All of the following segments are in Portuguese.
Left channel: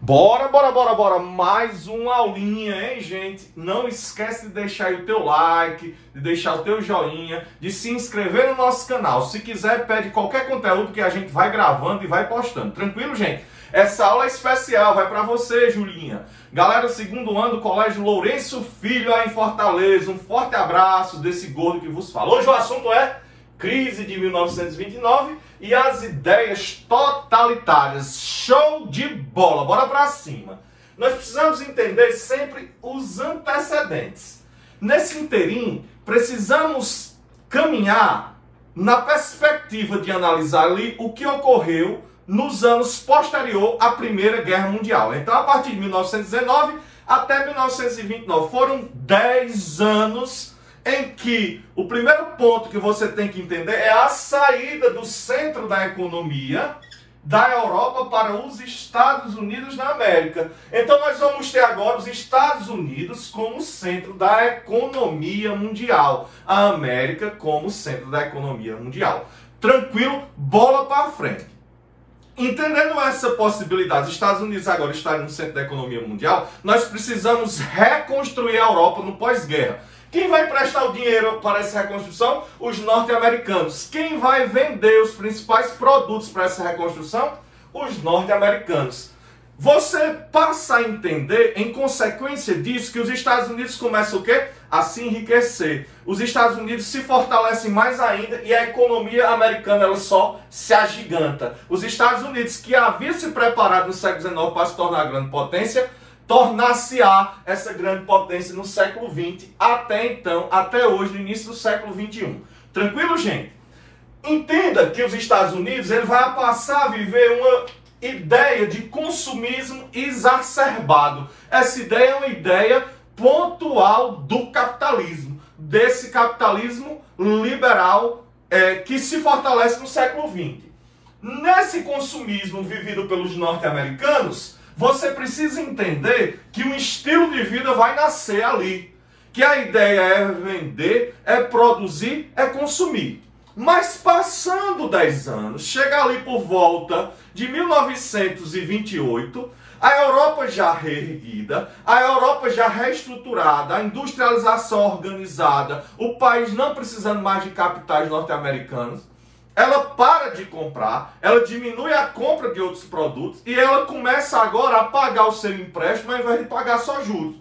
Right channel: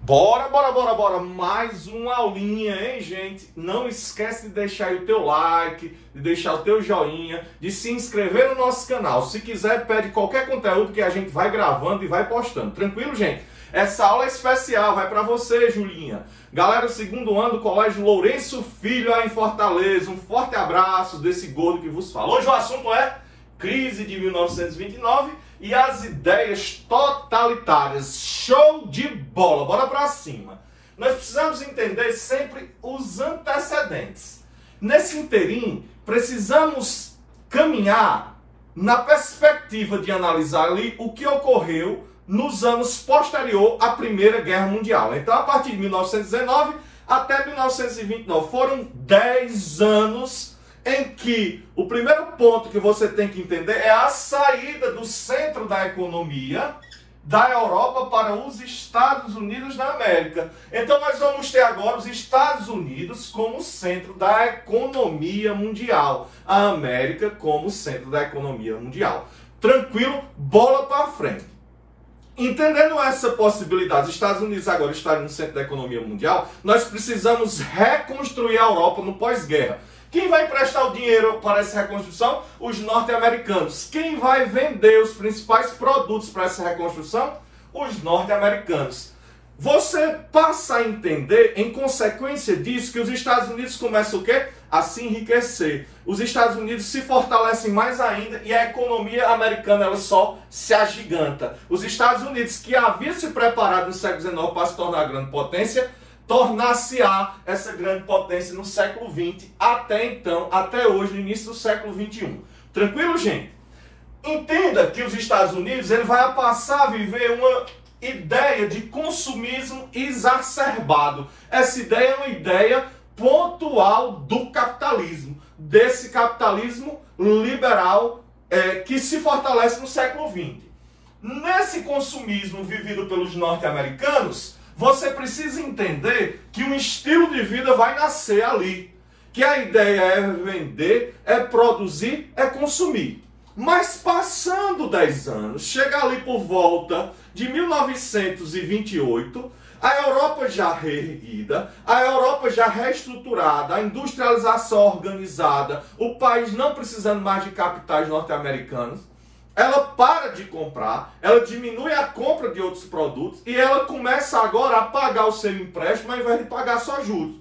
Bora. Mais uma aulinha, hein, gente? Não esquece de deixar aí o teu like, de deixar o teu joinha, de se inscrever no nosso canal. Se quiser, pede qualquer conteúdo que a gente vai gravando e vai postando. Tranquilo, gente? Essa aula é especial, vai para você, Julinha. Galera do segundo ano do Colégio Lourenço Filho aí em Fortaleza. Um forte abraço desse gordo que vos fala. Hoje o assunto é crise de 1929 e as ideias totalitárias. Show de bola, bora pra cima. Nós precisamos entender sempre os antecedentes. Nesse inteirinho, precisamos caminhar na perspectiva de analisar ali o que ocorreu nos anos posterior à Primeira Guerra Mundial. Então, a partir de 1919 até 1929, foram 10 anos em que o primeiro ponto que você tem que entender é a saída do centro da economia da Europa para os Estados Unidos da América. Então nós vamos ter agora os Estados Unidos como centro da economia mundial, a América como centro da economia mundial. Tranquilo? Bola para frente. Entendendo essa possibilidade, os Estados Unidos agora estarem no centro da economia mundial, nós precisamos reconstruir a Europa no pós-guerra. Quem vai emprestar o dinheiro para essa reconstrução? Os norte-americanos. Quem vai vender os principais produtos para essa reconstrução? Os norte-americanos. Você passa a entender, em consequência disso, que os Estados Unidos começam o quê? A se enriquecer. Os Estados Unidos se fortalecem mais ainda e a economia americana ela só se agiganta. Os Estados Unidos, que havia se preparado no século XIX para se tornar grande potência, tornar-se-á essa grande potência no século XX, até então, até hoje, no início do século XXI. Tranquilo, gente? Entenda que os Estados Unidos ele vai passar a viver uma ideia de consumismo exacerbado. Essa ideia é uma ideia pontual do capitalismo, desse capitalismo liberal que se fortalece no século XX. Nesse consumismo vivido pelos norte-americanos, você precisa entender que um estilo de vida vai nascer ali. Que a ideia é vender, é produzir, é consumir. Mas passando 10 anos, chega ali por volta de 1928, a Europa já reerguida, a Europa já reestruturada, a industrialização organizada, o país não precisando mais de capitais norte-americanos, ela para de comprar, ela diminui a compra de outros produtos e ela começa agora a pagar o seu empréstimo ao invés de pagar só juros.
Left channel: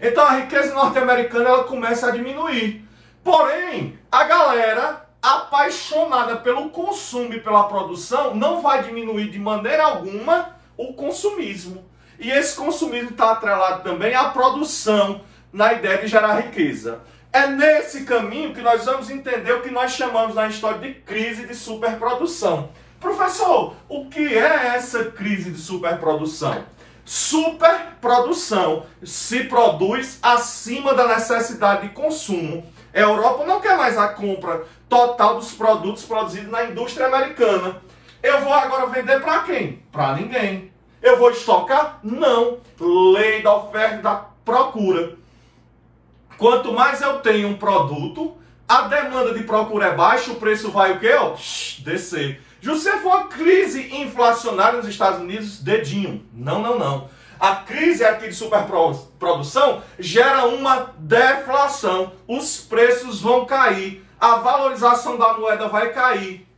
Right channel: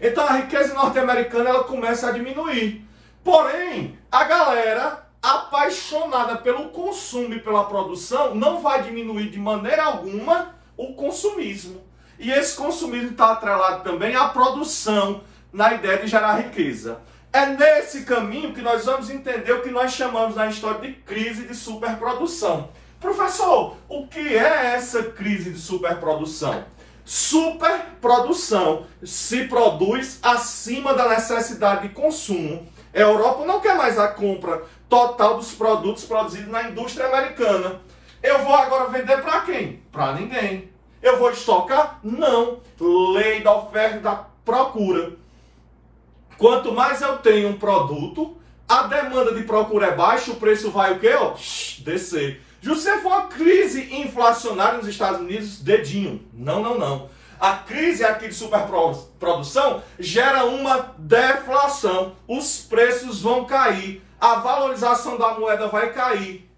Então a riqueza norte-americana ela começa a diminuir. Porém, a galera apaixonada pelo consumo e pela produção não vai diminuir de maneira alguma o consumismo. E esse consumismo está atrelado também à produção, na ideia de gerar riqueza. É nesse caminho que nós vamos entender o que nós chamamos na história de crise de superprodução. Professor, o que é essa crise de superprodução? Superprodução se produz acima da necessidade de consumo. A Europa não quer mais a compra total dos produtos produzidos na indústria americana. Eu vou agora vender para quem? Para ninguém. Eu vou estocar? Não. Lei da oferta e da procura. Quanto mais eu tenho um produto, a demanda de procura é baixa, o preço vai o quê? Descer. Se for uma crise inflacionária nos Estados Unidos, dedinho. Não. A crise aqui de superprodução gera uma deflação. Os preços vão cair. A valorização da moeda vai cair.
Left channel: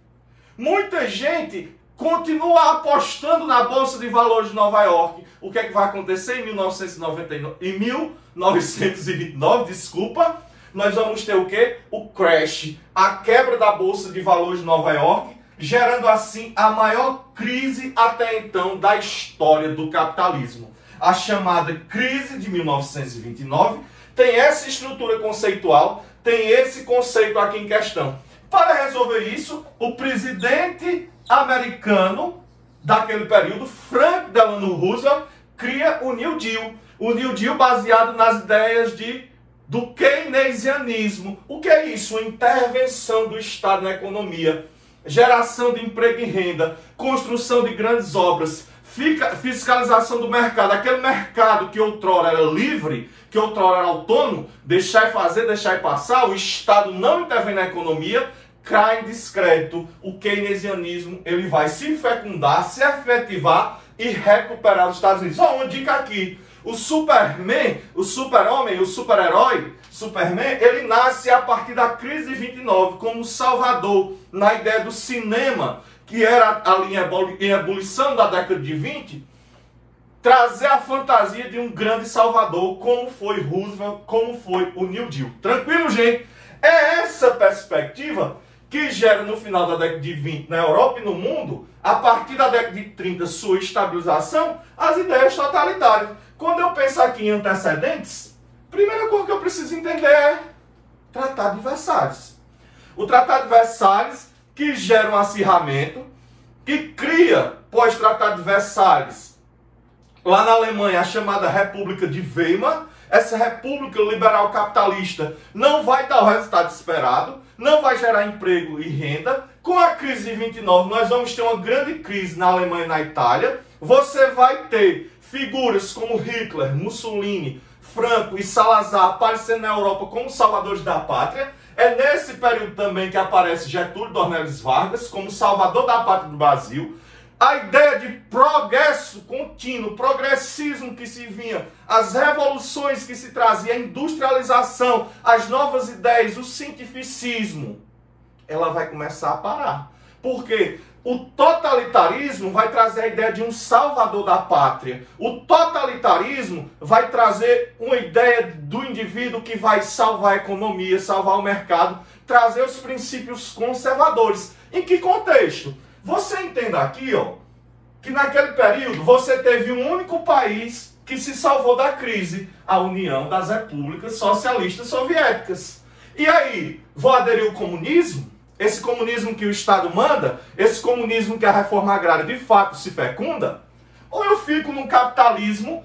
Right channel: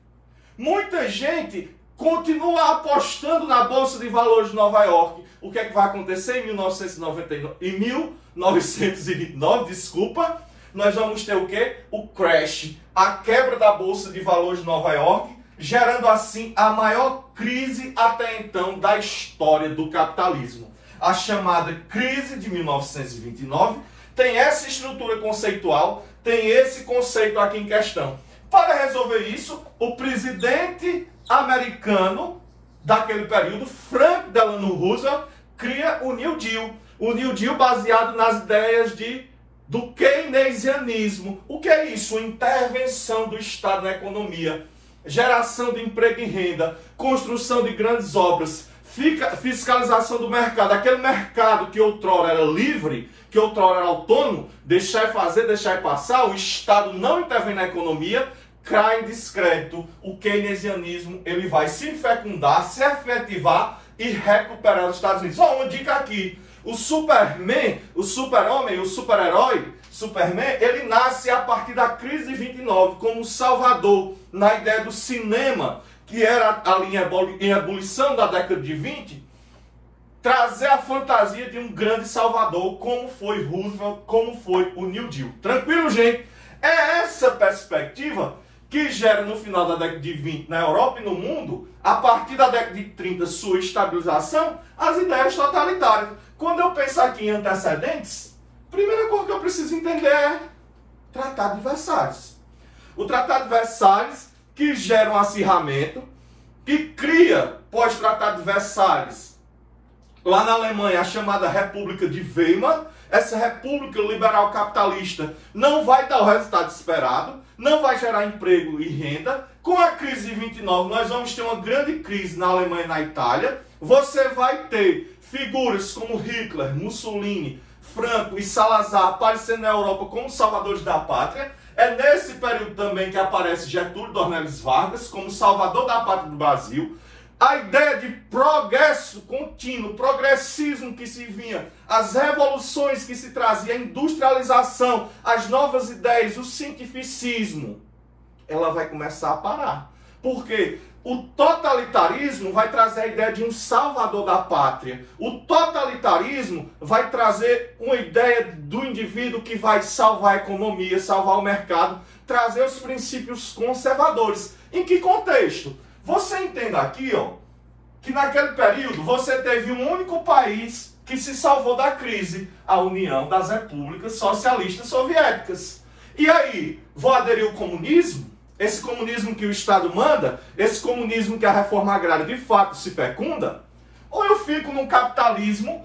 Muita gente continua apostando na Bolsa de Valores de Nova York. O que é que vai acontecer em 1929, desculpa, nós vamos ter o quê? O crash, a quebra da Bolsa de Valores de Nova York, gerando assim a maior crise até então da história do capitalismo. A chamada crise de 1929 tem essa estrutura conceitual, tem esse conceito aqui em questão. Para resolver isso, o presidente americano daquele período, Franklin Delano Roosevelt, cria o New Deal. O New Deal baseado nas ideias do keynesianismo. O que é isso? Uma intervenção do Estado na economia, geração de emprego e renda, construção de grandes obras, fiscalização do mercado. Aquele mercado que outrora era livre, que outrora era autônomo, deixar e fazer, deixar e passar, o Estado não intervém na economia, cai em descrédito. O keynesianismo ele vai se fecundar, se efetivar e recuperar os Estados Unidos. Uma dica aqui. O Superman, o super-homem, o super-herói, Superman, ele nasce a partir da crise de 29 como salvador na ideia do cinema, que era ali em ebulição da década de 20, trazer a fantasia de um grande salvador, como foi Roosevelt, como foi o New Deal. Tranquilo, gente? É essa perspectiva que gera no final da década de 20 na Europa e no mundo, a partir da década de 30, sua estabilização, as ideias totalitárias. Quando eu penso aqui em antecedentes, a primeira coisa que eu preciso entender é Tratado de Versalhes. O Tratado de Versalhes, que gera um acirramento, que cria, pós-Tratado de Versalhes, lá na Alemanha, a chamada República de Weimar. Essa república liberal capitalista não vai dar o resultado esperado, não vai gerar emprego e renda. Com a crise de 29, nós vamos ter uma grande crise na Alemanha e na Itália. Você vai ter figuras como Hitler, Mussolini, Franco e Salazar aparecendo na Europa como salvadores da pátria. É nesse período também que aparece Getúlio Dornelles Vargas como salvador da pátria do Brasil. A ideia de progresso contínuo, progressismo que se vinha, as revoluções que se trazia, a industrialização, as novas ideias, o cientificismo, ela vai começar a parar. Por quê? O totalitarismo vai trazer a ideia de um salvador da pátria. O totalitarismo vai trazer uma ideia do indivíduo que vai salvar a economia, salvar o mercado, trazer os princípios conservadores. Em que contexto? Você entenda aqui, ó, que naquele período você teve um único país que se salvou da crise, a União das Repúblicas Socialistas Soviéticas. E aí, vou aderir ao comunismo? Esse comunismo que o Estado manda, esse comunismo que a reforma agrária de fato se fecunda? Ou eu fico no capitalismo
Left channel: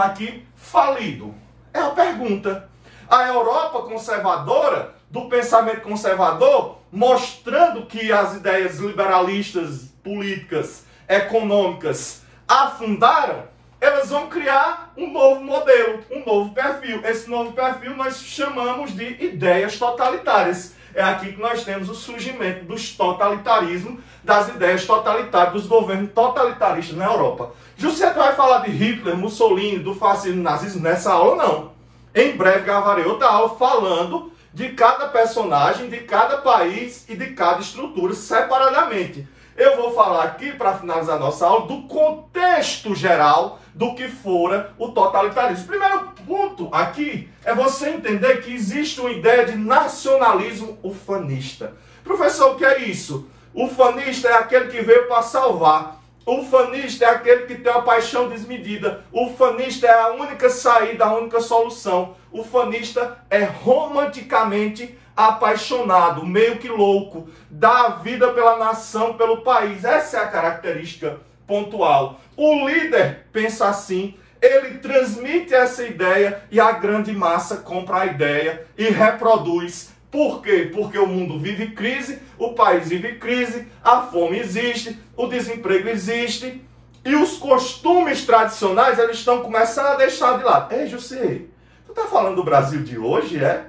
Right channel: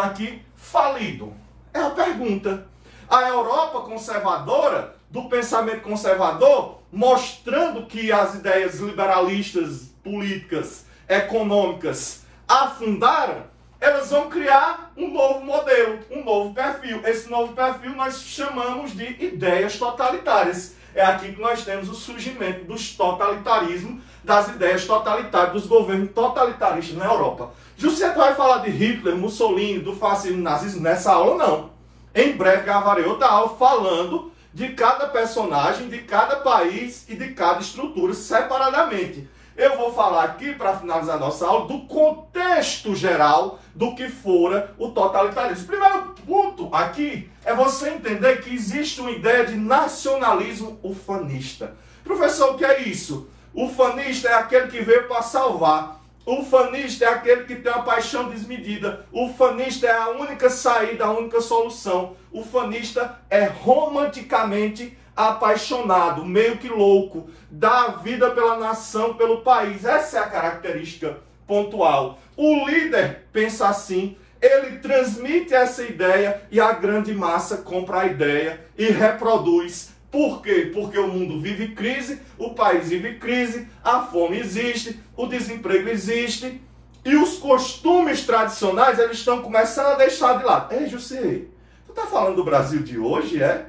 aqui falido? É a pergunta. A Europa conservadora, do pensamento conservador, mostrando que as ideias liberalistas, políticas, econômicas afundaram, elas vão criar um novo modelo, um novo perfil. Esse novo perfil nós chamamos de ideias totalitárias. É aqui que nós temos o surgimento dos totalitarismos, das ideias totalitárias, dos governos totalitaristas na Europa. José vai falar de Hitler, Mussolini, do fascismo, nazismo nessa aula? Não. Em breve gravarei outra aula falando de cada personagem, de cada país e de cada estrutura separadamente. Eu vou falar aqui, para finalizar nossa aula, do contexto geral do que fora o totalitarismo. Primeiro ponto aqui é você entender que existe uma ideia de nacionalismo ufanista. Professor, o que é isso? Ufanista é aquele que veio para salvar. Ufanista é aquele que tem uma paixão desmedida. Ufanista é a única saída, a única solução. Ufanista é romanticamente apaixonado, meio que louco, dá a vida pela nação, pelo país. Essa é a característica pontual. O líder pensa assim, ele transmite essa ideia e a grande massa compra a ideia e reproduz. Por quê? Porque o mundo vive crise, o país vive crise, a fome existe, o desemprego existe e os costumes tradicionais eles estão começando a deixar de lado. Ei, José, tu tá falando do Brasil de hoje, é?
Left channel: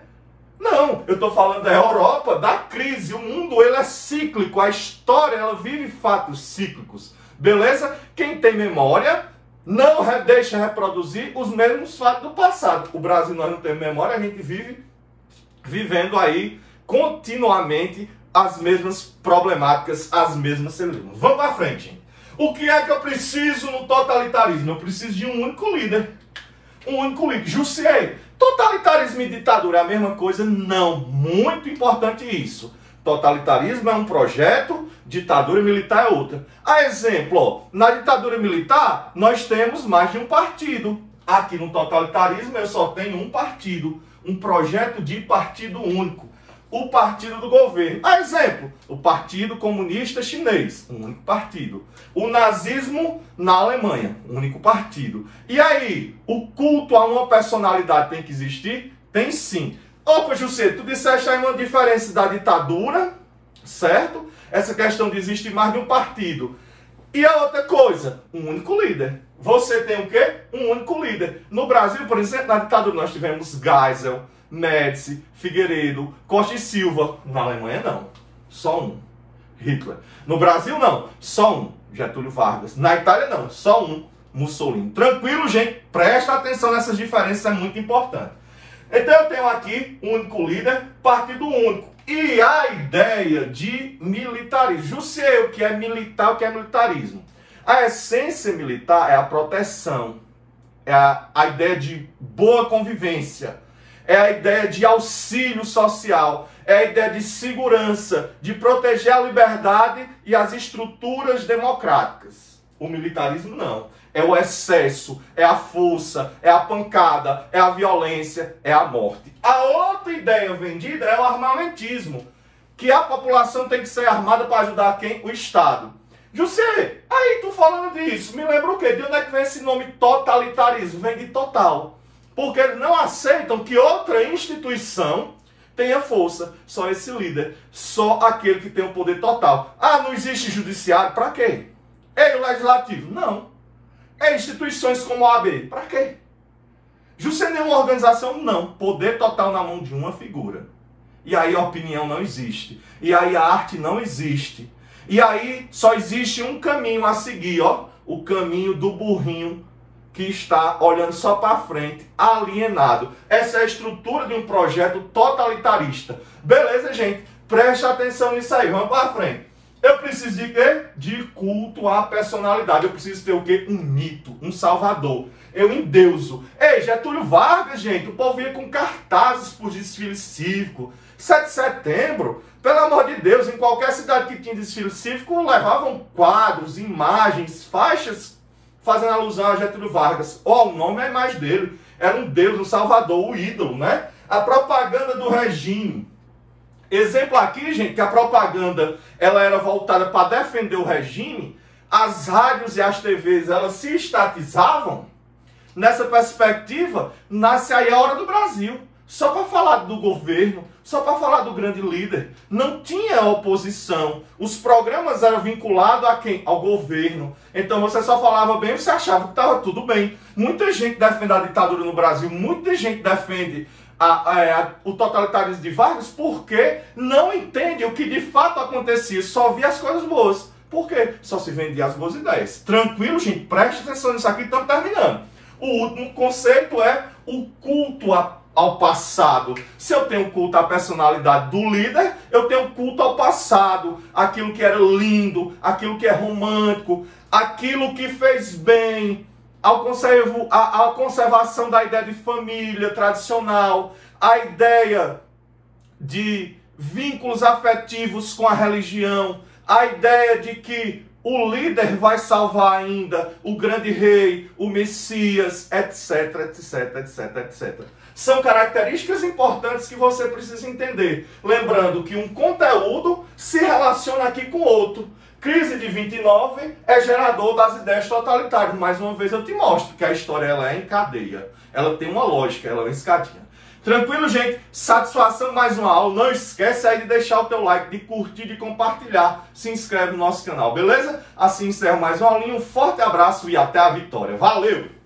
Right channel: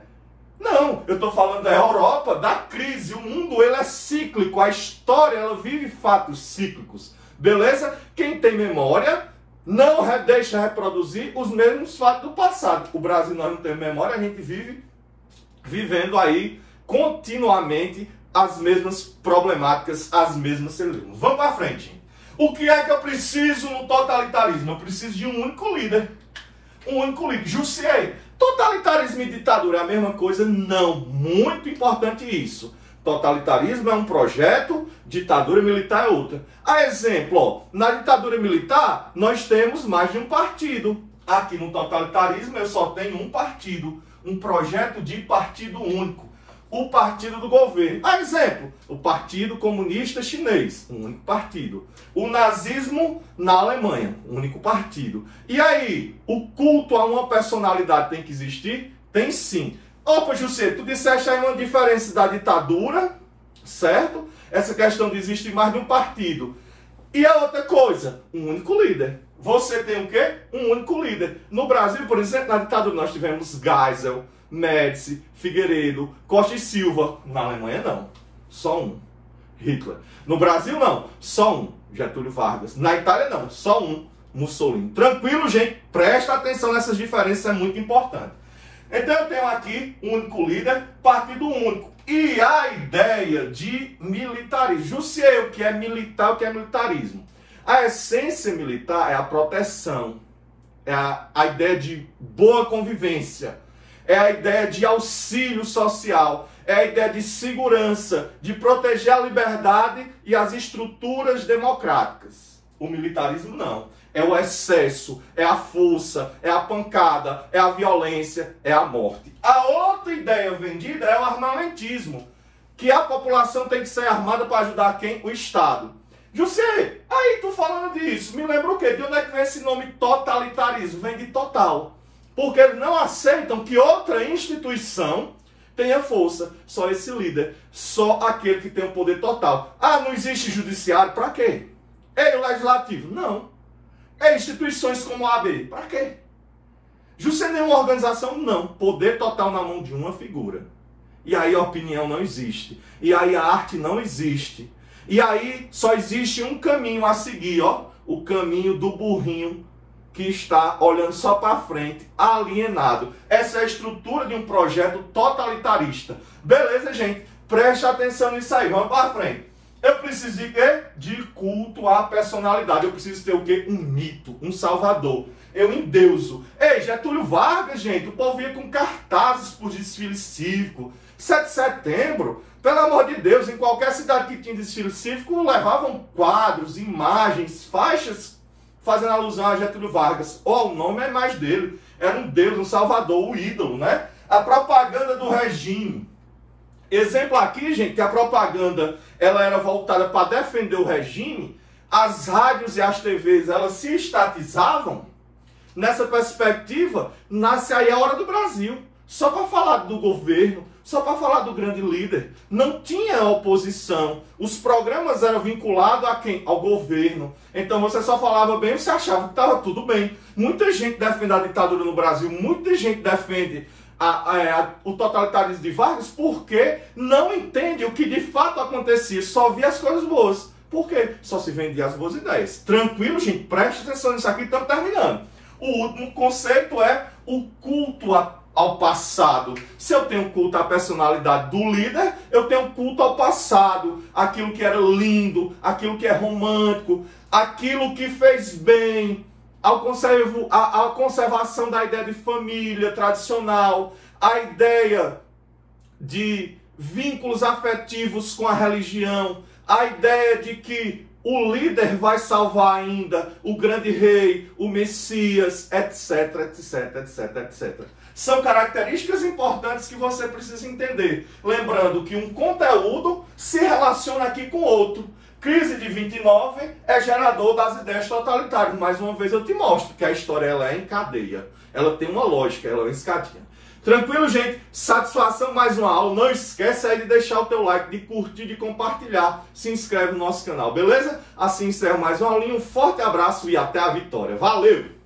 Não, eu estou falando da Europa, da crise. O mundo ele é cíclico, a história ela vive fatos cíclicos. Beleza? Quem tem memória não deixa reproduzir os mesmos fatos do passado. O Brasil nós não temos memória, a gente vive vivendo aí continuamente as mesmas problemáticas, as mesmas celulas. Vamos para frente. O que é que eu preciso no totalitarismo? Eu preciso de um único líder. Um único líder. Jussier, totalitarismo e ditadura é a mesma coisa? Não. Muito importante isso. Totalitarismo é um projeto, ditadura militar é outra. A exemplo, ó, na ditadura militar, nós temos mais de um partido. Aqui no totalitarismo, eu só tenho um partido. Um projeto de partido único. O partido do governo. A exemplo, o Partido Comunista Chinês, um único partido. O nazismo na Alemanha, um único partido. E aí, o culto a uma personalidade tem que existir? Tem sim. Opa, José, tu disseste aí uma diferença da ditadura, certo? Essa questão de existir mais de um partido. E a outra coisa, um único líder. Você tem o quê? Um único líder. No Brasil, por exemplo, na ditadura nós tivemos Geisel, Médici, Figueiredo, Costa e Silva. Na Alemanha não, só um, Hitler. No Brasil não, só um, Getúlio Vargas. Na Itália não, só um, Mussolini. Tranquilo, gente? Presta atenção nessas diferenças, é muito importante. Então eu tenho aqui um único líder, partido único. E a ideia de militarismo. Jussier, o que é militar, o que é militarismo? A essência militar é a proteção, é a ideia de boa convivência, é a ideia de auxílio social, é a ideia de segurança, de proteger a liberdade e as estruturas democráticas. O militarismo não. É o excesso, é a força, é a pancada, é a violência, é a morte. A outra ideia vendida é o armamentismo, que a população tem que ser armada para ajudar quem? O Estado. José, aí tu falando disso, me lembra o quê? De onde é que vem esse nome totalitarismo? Vem de total. Porque eles não aceitam que outra instituição tenha força. Só esse líder, só aquele que tem o poder total. Ah, não existe judiciário? Para quê? É o legislativo? Não. É instituições como a OAB. Para quê? Justo nenhuma organização? Não. Poder total na mão de uma figura. E aí a opinião não existe. E aí a arte não existe. E aí só existe um caminho a seguir, ó. O caminho do burrinho que está olhando só para frente, alienado. Essa é a estrutura de um projeto totalitarista. Beleza, gente? Preste atenção nisso aí. Vamos para frente. Eu preciso de quê? De culto à personalidade. Eu preciso ter o quê? Um mito, um salvador. Eu endeuso. Ei, Getúlio Vargas, gente, o povo ia com cartazes por desfile cívico. 7 de setembro, pelo amor de Deus, em qualquer cidade que tinha desfile cívico, levavam quadros, imagens, faixas, fazendo alusão a Getúlio Vargas. Ou ao nome é mais dele. Era um deus, um salvador, o ídolo, né? A propaganda do regime. Exemplo aqui, gente, que a propaganda ela era voltada para defender o regime, as rádios e as TVs elas se estatizavam. Nessa perspectiva, nasce aí a Hora do Brasil. Só para falar do governo, só para falar do grande líder. Não tinha oposição. Os programas eram vinculados a quem? Ao governo. Então você só falava bem, você achava que estava tudo bem. Muita gente defende a ditadura no Brasil, muita gente defende o totalitarismo de Vargas porque não entende o que de fato acontecia, só via as coisas boas. Por quê? Só se vendia as boas ideias. Tranquilo, gente? Preste atenção nisso aqui, estamos terminando. O último conceito é o culto ao passado. Se eu tenho culto à personalidade do líder, eu tenho culto ao passado, aquilo que era lindo, aquilo que é romântico, aquilo que fez bem, a conservação da ideia de família tradicional, a ideia de vínculos afetivos com a religião, a ideia de que o líder vai salvar ainda o grande rei, o Messias, etc, etc, etc, etc. São características importantes que você precisa entender. Lembrando que um conteúdo se relaciona aqui com outro. Crise de 29 é gerador das ideias totalitárias. Mais uma vez eu te mostro que a história ela é em cadeia. Ela tem uma lógica, ela é uma escadinha. Tranquilo, gente? Satisfação mais uma aula. Não esquece aí de deixar o teu like, de curtir, de compartilhar. Se inscreve no nosso canal, beleza? Assim encerro mais uma aulinha. Um forte abraço e até a vitória. Valeu!